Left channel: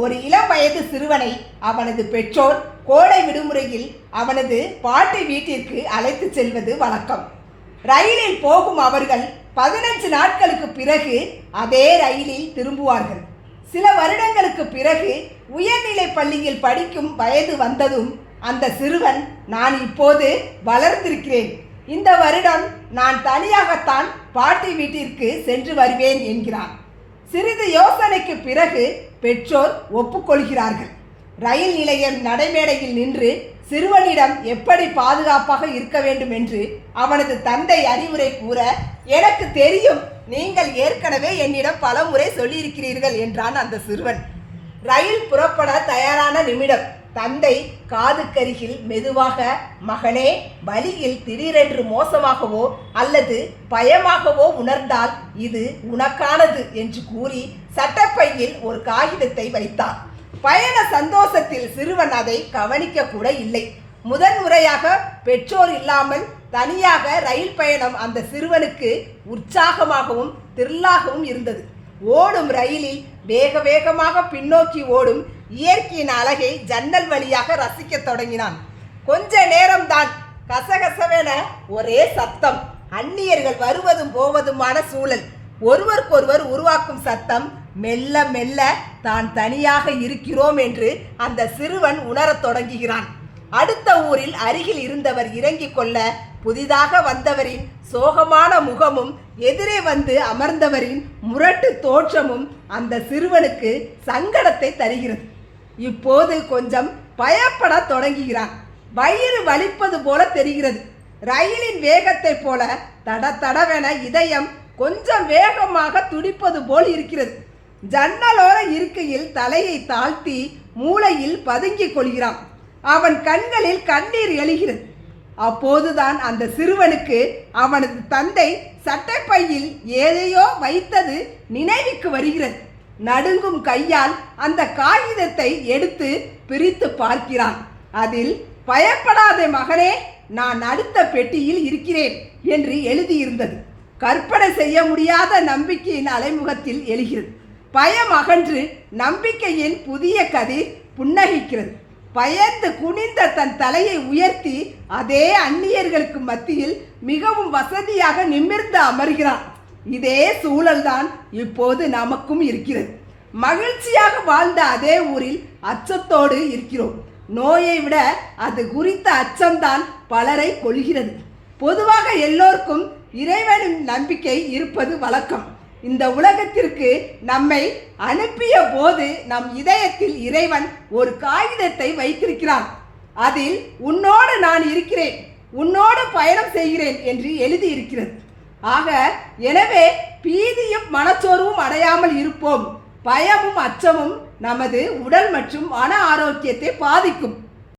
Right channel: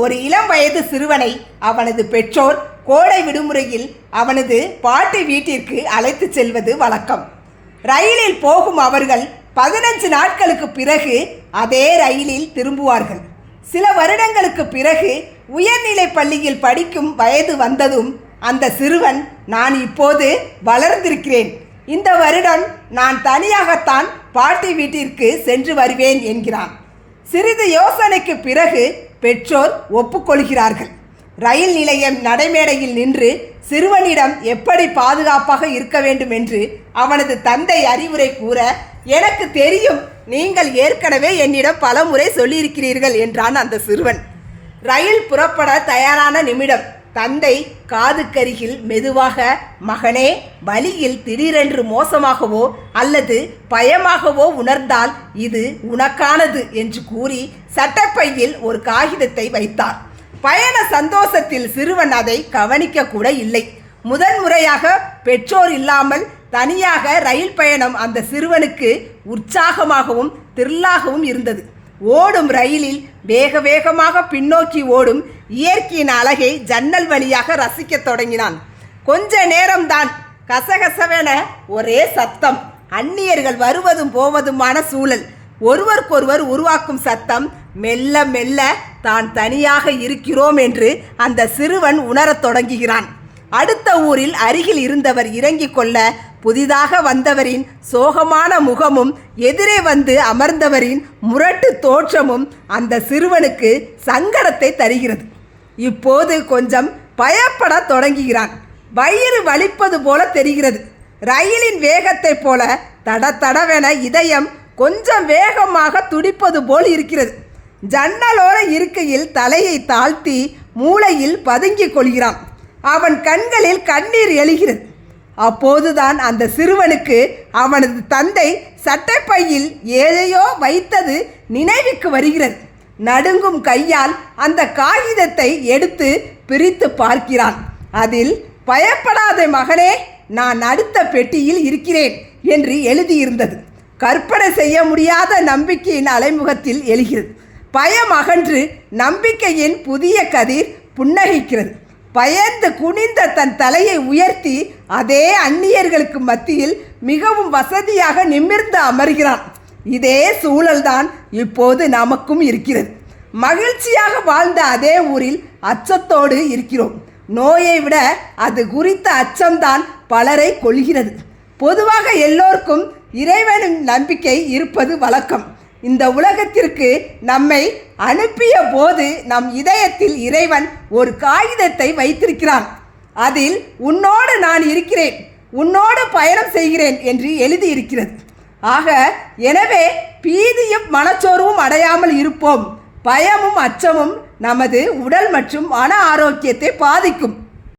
ஒரு இளம் வயது சிறுவனை அவனது பெற்றோர் கோடை விடுமுறையில் அவனது பாட்டி வீட்டிற்கு அழைத்து செல்வது வழக்கம். ரயிலில் போகும் அவர்கள் 15 நாட்களுக்கு பிறகு அதே ரயிலில் திரும்புவார்கள். சில வருடங்களுக்கு பிறகு உயர்நிலை பள்ளியில் படிக்கும் வயது வந்ததும் அந்த சிறுவன், நான் இப்போது வளர்ந்திருக்கிறேன், இந்த வருடம் நான் தனியாகத்தான் பாட்டி வீட்டிற்கு சென்று வருவேன் என்கிறான். சிறிது யோசனைக்கு பிறகு பெற்றோர் ஒப்புக்கொள்கிறார்கள். ரயில் நிலையம் நடைமேடையில் நின்று சிறுவனிடம் எப்படி பாதுகாப்பாக இருக்க வேண்டும் என்று அவனது தந்தை அறிவுரை கூற, எனக்கு தெரியும், நீங்கள் ஏற்கனவே என்னிடம் பலமுறை சொல்லியிருக்கிறீர்கள் என்றான் அந்த சிறுவன். ரயில் புறப்பட தயாரான நிமிடம் தந்தை காதுக்கருகில் மெதுவாக, மகனே, வழியில் திடீரென்று மோசமாகவோ அல்லது பயமாகவோ உணர்ந்தால் இது உனக்கானது என்று கூறி சட்டப்பையில் ஒரு காகிதத்தை வைத்தார். பயண சந்தோஷத்தில் சிறுவன் அதை கவனிக்க கூட இல்லை. முதன்முறையாக பெற்றோர் இல்லாமல் தனியாக ரயில் பயணம் அந்த சிறுவனுக்கு உற்சாகமாகவும் திரில்லாகவும் இருந்தது. ஓடும் ரயிலில் வேக வேகமாக பின்னோக்கி ஓடும் இயற்கையின் அழகை ஜன்னல் வழியாக ரசிக்க தொடங்கினான். கொஞ்ச நேரம்தான். கசகசவென ஒரே சத்தம், அந்நியர்கள் வருவதும் போவதுமான சூழல், ஒருவருக்கொருவர் உருவாக்கும் சத்தம். மெல்ல மெல்ல தான் தனியாக இருக்கிறோம் என்று அந்த சிறுவன் உணரத் தொடங்குகிறான். அடுத்த ஊரில் அருகில் இருந்தவர் இறங்கிக் கொள்ள புதிதாக வந்தவரின் சோகமான முகமும் எதிரே வந்து அமர்ந்தவரின் முரட்டு தோற்றமும் அந்த சிறுவனுக்கு சங்கடத்தை தருகிறது. இப்போது கொஞ்சம் பயப்பட தொடங்குகிறான். வயிறு வலிப்பது போல தெரிகிறது. ரயிலின் வேகத்தை போல தடதடவென இதயம் கொஞ்சம் வேகமாக துடிப்பது போல் இருக்கிறது. ஜன்னலோர இருக்கையில் தலையை தாழ்த்தி மூளையில் பதுங்கிக் கொள்கிறான். அவன் கண்களில் கண்ணீர் எழுகிறது. அப்போதுதான் அந்த சிறுவனுக்கு அவனது தந்தை சட்டைப்பையில் ஏதையோ வைத்தது நினைவுக்கு வருகிறது. நடுங்கும் கையால் அந்த காகிதத்தை எடுத்து பிரித்து பார்க்கிறான். அதில், பயப்படாத மகனே, நான் அடுத்த பெட்டியில் இருக்கிறேன் என்று எழுதியிருந்தது. கற்பனை செய்ய முடியாத நம்பிக்கையின் அலைமுகத்தில் எழுகிறது. பயம் அகன்று நம்பிக்கையின் புதிய கதிர் புன்னகைக்கிறது. பயந்து குனிந்த தன் தலையை உயர்த்தி அதே அந்நியர்களுக்கு மத்தியில் மிகவும் வசதியாக நிமிர்ந்து அமர்கிறான். இதே சூழல்தான் இப்போது நமக்கும் இருக்கிறது. மகிழ்ச்சியாக வாழ்ந்த அதே ஊரில் அச்சத்தோடு இருக்கிறோம். நோயை விட அது குறித்த அச்சம்தான் பலரை கொள்கிறது. பொதுவாக எல்லோருக்கும் இறைவனின் நம்பிக்கை இருப்பது வழக்கம். இந்த உலகத்திற்கு நம்மை அனுப்பிய போது நம் இதயத்தில் இறைவன் ஒரு காகிதத்தை வைத்திருக்கிறான். அதில் உன்னோடு நான் இருக்கிறேன், உன்னோடு பயணம் செய்கிறேன் என்று எழுதியிருக்கிறது. ஆக, எனவே பீதியும் மனச்சோர்வும் அடையாமல் இருப்போம். பயமும் அச்சமும் நமது உடல் மற்றும் மன ஆரோக்கியத்தை பாதிக்கும்.